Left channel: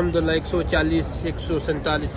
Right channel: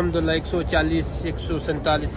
140 147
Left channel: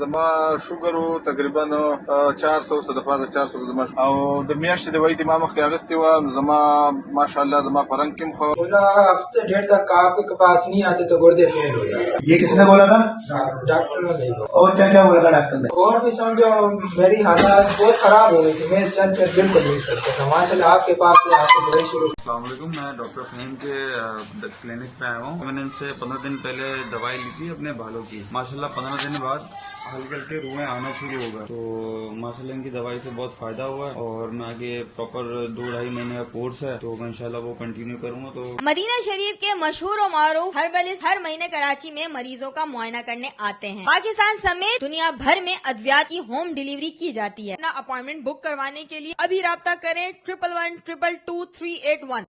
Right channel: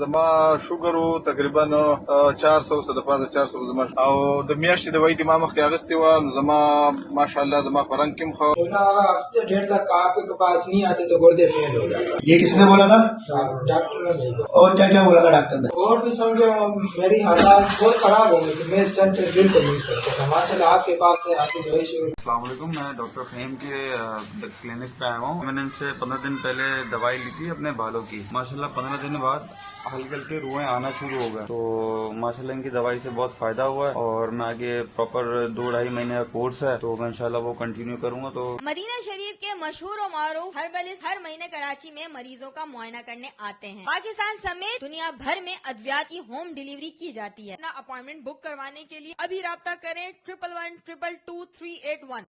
زما شوګر تقریبا 400 صدفات 400 زما او د میاشتې دوايي د ما مخکې اغستې و نو زما ماشاءالله زما پرنګ کې خو بولا ہفتے ڈیڑھ تک آپ کے پاس نہیں آتے تو گردے فیل ہو جاتے. یہ کس نے بولا تھا؟ ڈاکٹر نے نہیں بولا. اور کیا کیا بولا تھا ڈاکٹر نے؟ اور بھی سمجھو میری حالات بہت خراب ہو گئی تھی, میں چل چل بالکل نہیں سکتا تھا. ماشاء اللہ آپ کے پاس سے آپ کی دوائی شروع. السلام علیکم, میں ڈاکٹر فہیم کے کلینک پہ آیا ہوں. میں نے ان سے 15 دن پہلے دوائی لی تھی اپنے بالوں کی. ماشاءاللہ 15 دن بعد ہلکے ہلکے روئیں آنا شروع ہو گئے, تو ماشاءاللہ ان کی دوائی سے بہت فائدہ ہوا ہے. اور میں آگے پراپر 2-2.5 مہینے کا کورس ہے, تو میں انشاءاللہ وہ کنٹینیو کروں گا. تو مدینہ شریف کے مشہور و معروف ہربلسٹ ہر مہینے کراچی میں مریضوں کا معائنہ کرنے آتے ہیں. پاکستان سمیت دنیا بھر میں ادویات کی ہوم ڈیلیوری کی جاتی ہے. اپنا اپائنٹمنٹ بک کروانے کے لیے ابھی رابطہ کریں 111222 381.